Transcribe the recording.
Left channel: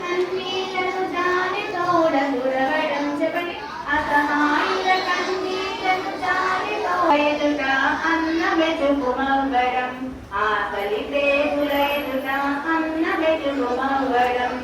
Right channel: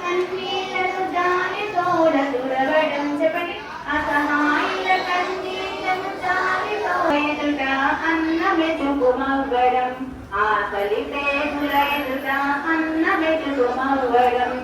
కన్నీళ్లకు దాని తోడ తుడవడం చెప్పండి అసహాయుల కన్నీళ్లను ఎదుట అన్న వెతుకు మవ్వడం ఆకలి పేగుల ఎదుట అన్న వెతుకు మవ్వడం